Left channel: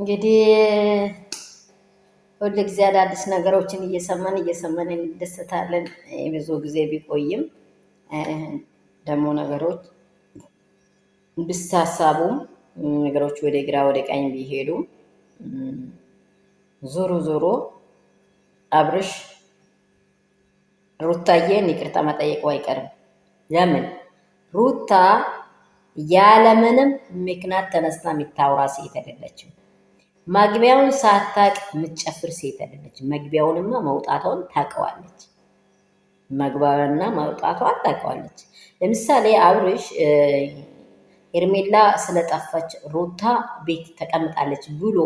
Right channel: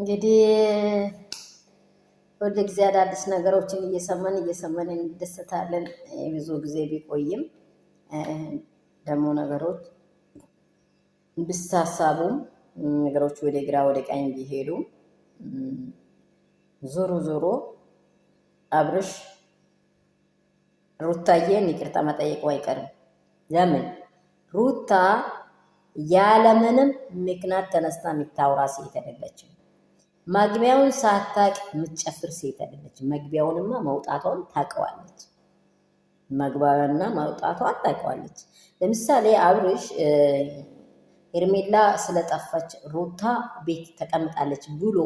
እንግዲህ ሁል ጊዜ አዳዲስ ነገሮችን እየሰማን እንደሰታለን። ብዙ ጊዜ ቢቆይም ደግሞ ነገሮች ቢሳሳቡም ነገሮች ወደ ግራ ወደ ቀኝ ቢሄዱ ዞሮ ዞሮ አብርሽ ሩታዬን ይቅርታ መጠየቁ አይቀርም። ለምን ሩታ ያለምንም ምክንያት ተነስታ የሚታወራ ሴት አይደለችም። መግቢያውን ሳታቅ የምትጨፍር ሴት አይደለችም። መግቢያውንማ መውጣቷን ታውቀዋለች። መግቢያውንና መውጣቷን ታውቀዋለች። ለምሳሌ አብርሽ ሄርሜላ ስለጠፋች ሩታ ቤት ተቀምጣለች ብሎ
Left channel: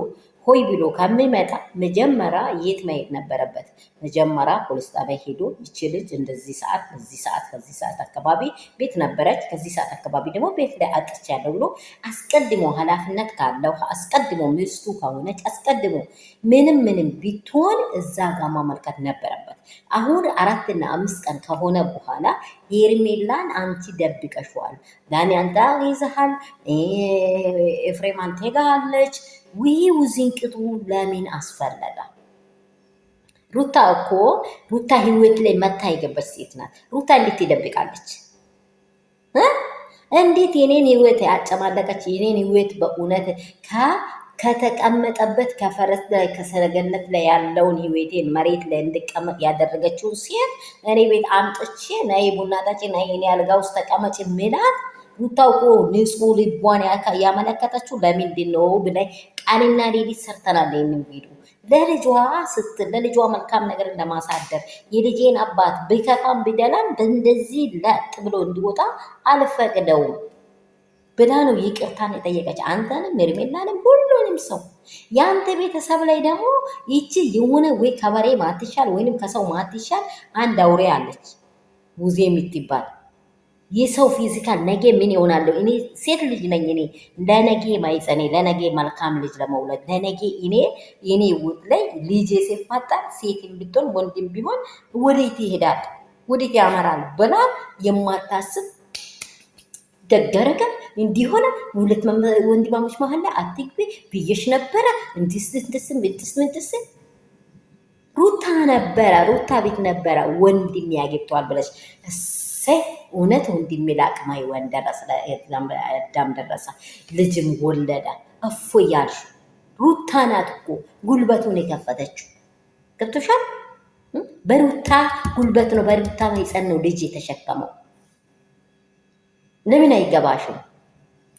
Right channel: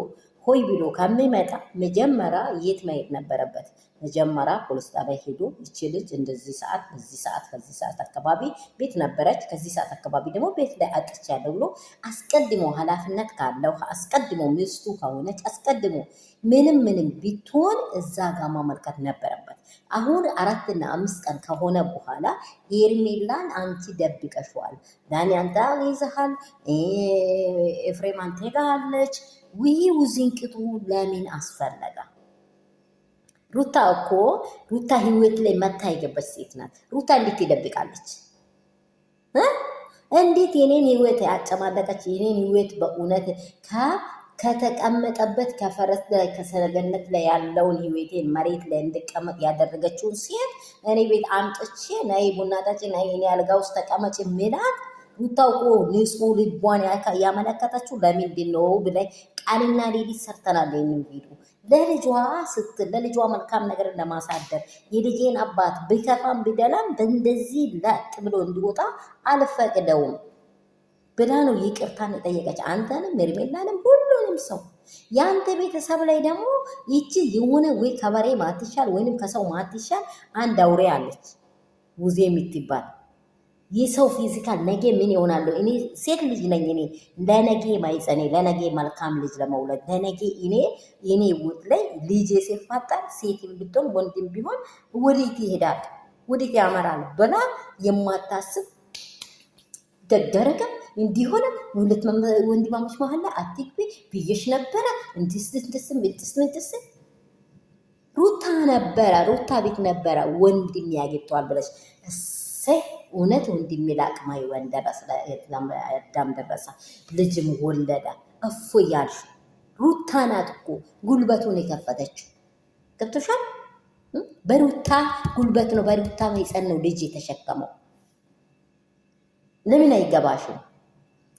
ሆይ ብሎ ከሚመጣ መጀመሪያ የት መሄድ ነበረበት? መጀመሪያ ፖሊስ ጣቢያ ሄዶ ይቺ ልጅ እንደዚህ ሰዓት በዚህ ሰዓት ከዚህ ሰዓት አካባቢ ቤት ነበረች፣ ከዚህ ሰዓት አካባቢ ደግሞ ቤት ላይ አጥቻለሁ ብሎ አስቀድሞ ኃላፊነት ካለው አስቀድሞ ሚስቱ ከሆነች አስቀድሞ ምንም ቢትሆን እዛ ጋር ማመልከት ነበረበት። አሁን 4 እና 5 ቀን ከሆነ በኋላ ሄርሜላን አንቺ ደብቀሽዋል፣ ዳኒ አንተ ይዘሃል፣ ኤፍሬም አንተ ጋለች ውዝንቅጡ ለምን አስፈለገ? ሩታ እኮ ሩታ ህይወት ላይ መታ የገባች ሴት ናት። ሩታ እንዴት ትደብቃለች? እንዴት የኔን ህይወት ያጨማለቀች የኔን ህይወት በእውነት ከተቀመጠበት ከፈረስ ላይ ከሰረገነት ላይ ያለውን ህይወቴን መሬት ላይ እንድቀመጥ ያደረገችውን ሴት እኔ ቤት አምጥቼ ነይ ቡና ጠጪ ነይ እኔ አልጋ ውስጥ ተቀመጭ ምላት ሩታው እኮ ንጹህ ልቧን ያመለከተችው ለምንድን ነው ብላይ ቀንና ሌሊት ሰርተናል። ይህንን ቪዲዮ ለልጇ ስትል ለልጇ መልካም ነገር ለማሳደር የልጄን አባት ቢከፋም ቢደላም እንደዚህ ለጥ ብሎ እንዲወጣ አልፈቅደውም ብላ ነው ይቅርታን የጠየቀች። አንተንም ሄርሜላንም ሁሉንም ሰው የአንተ ቤተሰብ ላይ ደግሞ ይቺ የሆነ ወይ ከበሬ ማትሻል ወይንም ከሰው ማትሻል አንድ አውሬ አለች ውዜ የምትባል የሰው ፊዚካል ነገ ምን ይሆናለሁ? እኔ ሴት ልጅ ነኝ። እኔ ለነገ ማይጸኔ ለነገ መልካም ልጅ ለመውለድ ለነገ እኔ ውጥ ላይ ልጅ ሲፈጠር ሴትም ብትሆን ወንድም ቢሆን ወዴት ይሄዳል? ወዴት ያመራል? ብላ የማታስብ ደገረገ እንዲሆነ ሁለት ወንድማሞች መሀል ላይ አትግቢ ብዬሽ ነበረ። እንትስ ሩታ ነበረ ሩታ ቤት ነበረ ወንድም ያገብቷል ብለሽ እውነት ወንድሜ ለአቅማይ ወን ደረሰ ዳም ደረሰ ልጅም ወለደ እፎ እያልሽ ሩታ ናት እኮ ጉልበቱን የከፈተችው። ገብቶሻል? በሩታ ጉልበት ነው በሩታ ማይፀን ነው ልጅ የተሸከመው። ለምን አይገባሽም?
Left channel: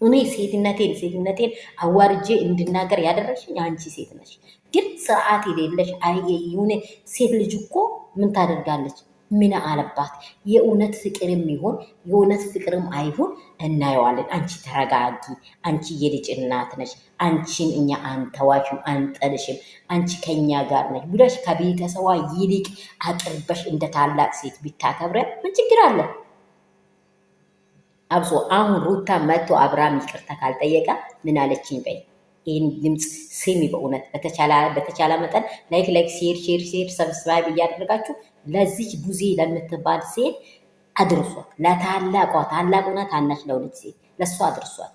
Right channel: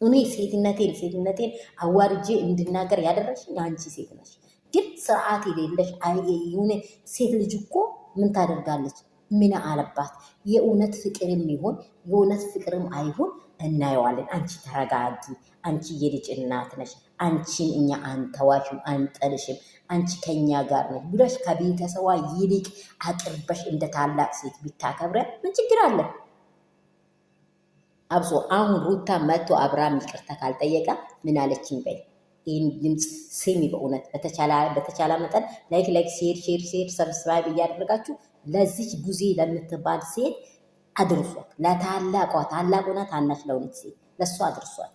እኔ ሴትነቴን አዋርጄ እንድናገር ያደረግሽኝ አንቺ ሴት ነሽ። ግን ስርዓት የሌለሽ የሆነ ሴት ልጅ እኮ ምን ታደርጋለች? ምን አለባት? የእውነት ፍቅርም ይሁን የእውነት ፍቅርም አይሁን እናየዋለን። አንቺ ተረጋጊ። አንቺ የልጅ እናት ነሽ። አንቺን እኛ አንተዋሽም፣ አንጠልሽም። አንቺ ከኛ ጋር ነሽ ብለሽ ከቤተሰዋ ይልቅ አቅርበሽ እንደ ታላቅ ሴት ቢታከብረ ምን ችግር አለ? አብሶ አሁን ሩታ መጥቶ አብርሃም ይቅርታ ካልጠየቀ ምን አለችኝ በይ። ይህን ድምፅ ስሚ። በእውነት በተቻለ መጠን ላይክ ሼር ሰብስክራይብ እያደረጋችሁ ለዚች ቡዜ ለምትባል ሴት አድርሷት። ለታላቋ ታላቁና ታናሽ ለሆነች ሴት ለእሷ አድርሷት።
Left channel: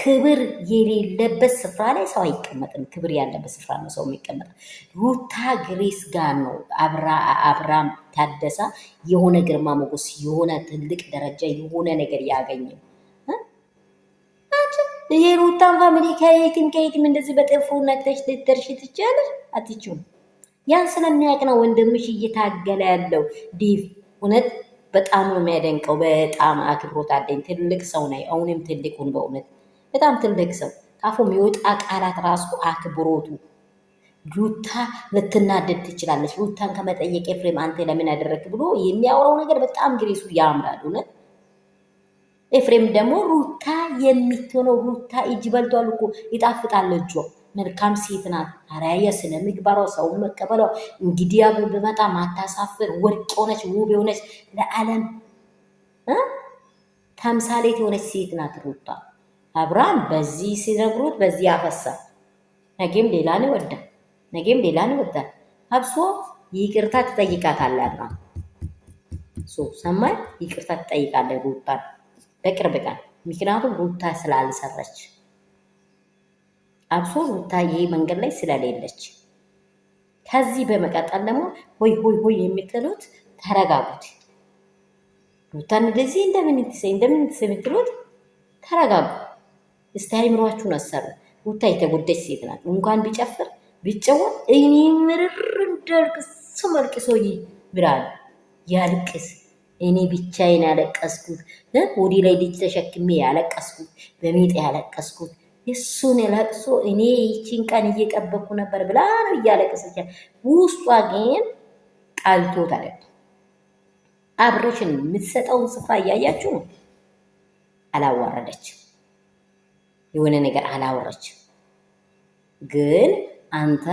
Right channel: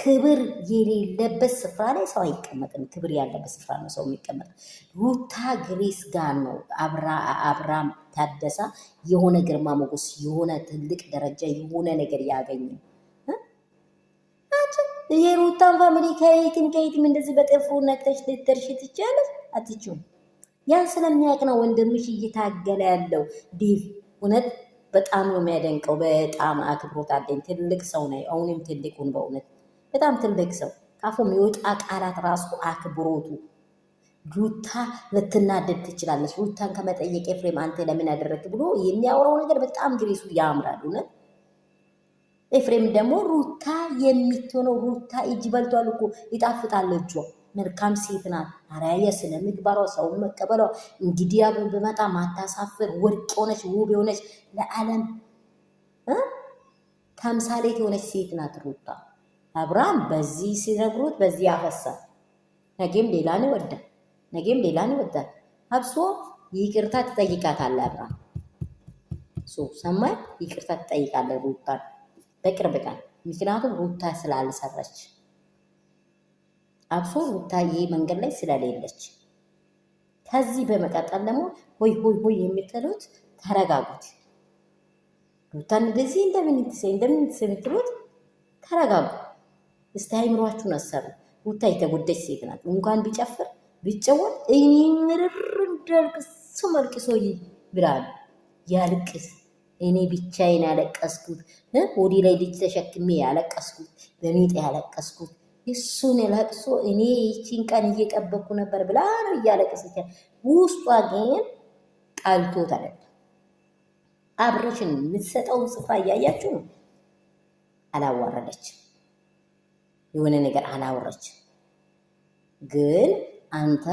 ክብር የሌለበት ስፍራ ላይ ሰው አይቀመጥም። ክብር ያለበት ስፍራ ነው ሰው የሚቀመጥ። ሩታ ግሬስ ጋር ነው አብርሃም ታደሳ የሆነ ግርማ ሞገስ የሆነ ትልቅ ደረጃ የሆነ ነገር ያገኘው። ይሄ ሩታን ፋሚሊ ከየትም እንደዚህ በጥፍሩ ነክተሽ ልትደርሺ ትችያለሽ? አትችይም። ያን ስለሚያውቅ ነው ወንድምሽ እየታገለ ያለው። ዲቭ እውነት በጣም ነው የሚያደንቀው። በጣም አክብሮት አለኝ። ትልቅ ሰው ነው። አሁንም ትልቁን በእውነት በጣም ትልቅ ሰው ካፉ የሚወጣ ቃላት ራሱ አክብሮቱ። ሩታ ልትናደድ ትችላለች። ሩታን ከመጠየቅ ኤፍሬም አንተ ለምን ያደረግ ብሎ የሚያወራው ነገር በጣም ግሬሱ ያምራል። እውነት ኤፍሬም ደግሞ ሩታ የምትሆነው ሩታ እጅ በልቷል እኮ ይጣፍጣል እጇ። መልካም ሴት ናት። አራያ ስነ ምግባሯ ሰውን መቀበሏ እንግዲያ በመጣ ማታሳፍር ወርቅ የሆነች ውብ የሆነች ለዓለም ተምሳሌት የሆነች ሴት ናት ሩታ። አብርሃም በዚህ ሲነግሩት በዚህ ያፈሳል። ነገም ሌላን ይወዳል። ነገም ሌላን ይወዳል። አብሶ ይቅርታ ትጠይቃታለህ። አብርሃም ሰማይ ይቅርታ ትጠይቃለህ ሩታ በቅርብ ቀን። ምክንያቱም ሩታ ስላልሰረች አብሶ ሩታ ይሄ መንገድ ላይ ስለሌለች። ከዚህ በመቀጠል ደግሞ ሆይ ሆይ ሆይ የምትሉት ተረጋጉት። ሩታን እንደዚህ እንደምንትሰ የምትሉት ተረጋጉ። እስቲ አይምሯችሁን አሰሩ። ሩታ የተጎዳች ሴት ናት። እንኳን ቢጨፍር ቢጨወር እኔ ምርር እንዳልቅስ መልቅሶ ብላል ያልቅስ። እኔ ብቻዬን ያለቀስኩት ወዲ ላይ ልጅ ተሸክሜ ያለቀስኩት በሚጥ ያለቀስኩት እሱን ለቅሶ እኔ ይቺን ቀን እየጠበኩ ነበር ብላ ነው እያለቀሰች። ውስጧ ግን ቃልቶት አለ። አብረሽን የምትሰጠውን ስፍራ እያያችሁ ነው። አላዋረደች፣ የሆነ ነገር አላወረች። ግን አንተ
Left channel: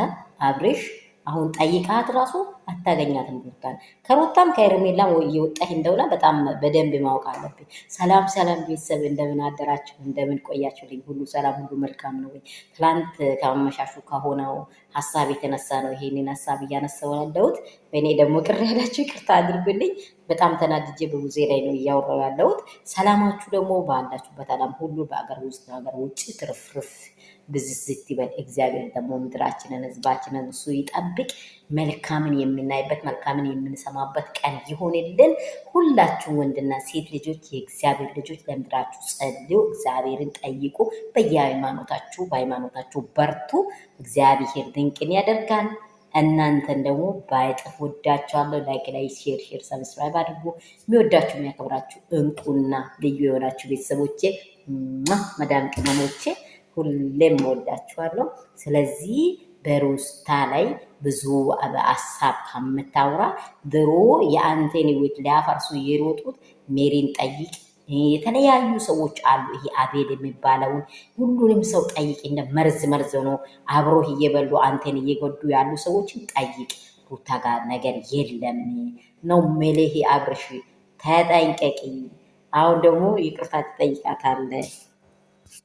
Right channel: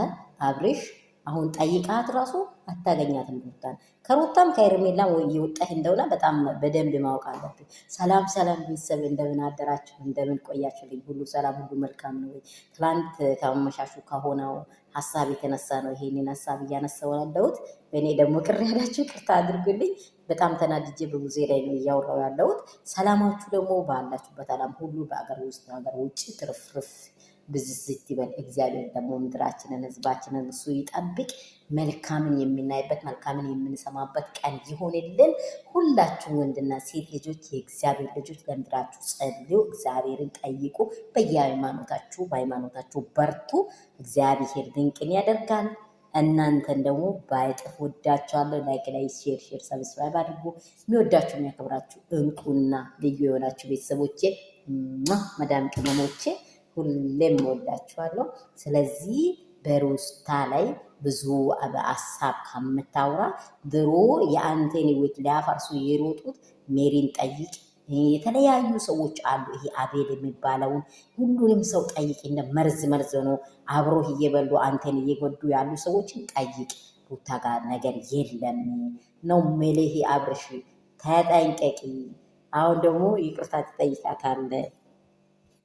አብረሽ አሁን ጠይቃት ራሱ አታገኛትም ሩታን። ከሩታም ከሄርሜላም እየወጣህ እንደሆነ በጣም በደንብ ማወቅ አለብኝ። ሰላም ሰላም ቤተሰብ፣ እንደምን አደራችሁ? እንደምን ቆያችሁልኝ? ሁሉ ሰላም፣ ሁሉ መልካም ነው ወይ? ትላንት ከመመሻሹ ከሆነው ሀሳብ የተነሳ ነው ይሄንን ሀሳብ እያነሳው ያለሁት። በእኔ ደግሞ ቅር ያላችሁ ይቅርታ አድርጉልኝ። በጣም ተናድጄ በሙዜ ላይ ነው እያወራው ያለሁት። ሰላማችሁ ደግሞ ባላችሁበት ዓለም ሁሉ በአገር ውስጥ በአገር ውጭ ትርፍርፍ ብዝዝት ይበል። እግዚአብሔር ደግሞ ምድራችንን ህዝባችንን እሱ ይጠብቅ። መልካምን የምናይበት መልካምን የምንሰማበት ቀን ይሆንልን። ሁላችሁም ወንድና ሴት ልጆች የእግዚአብሔር ልጆች ለምድራችሁ ጸልዩ፣ እግዚአብሔርን ጠይቁ። በየሃይማኖታችሁ በሃይማኖታችሁ በርቱ። እግዚአብሔር ድንቅን ያደርጋል። እናንተን ደግሞ ባይጥፍ ወዳችኋለሁ። ላይክ ላይ ሼር ሰብስክራይብ አድርጉ። የሚወዳችሁ የሚያከብራችሁ እንቁና ልዩ የሆናችሁ ቤተሰቦቼ መዳም ቅመሞቼ ሁሌም ወዳችኋለሁ። ስለዚህ በሩታ ላይ ብዙ ሀሳብ ከምታወራ ድሮ የአንተን ህይወት ሊያፈርሱ የሮጡት ሜሪን ጠይቅ። የተለያዩ ሰዎች አሉ። ይሄ አቤል የሚባለውን ሁሉንም ሰው ጠይቅ። እንደ መርዝ ነው አብሮህ እየበሉ አንተን እየጎዱ ያሉ ሰዎችን ጠይቅ። ሩታ ጋር ነገር የለም ነው ሜሌሄ። አብርሽ ተጠንቀቂ። አሁን ደግሞ ይቅርታ ትጠይቃታለህ።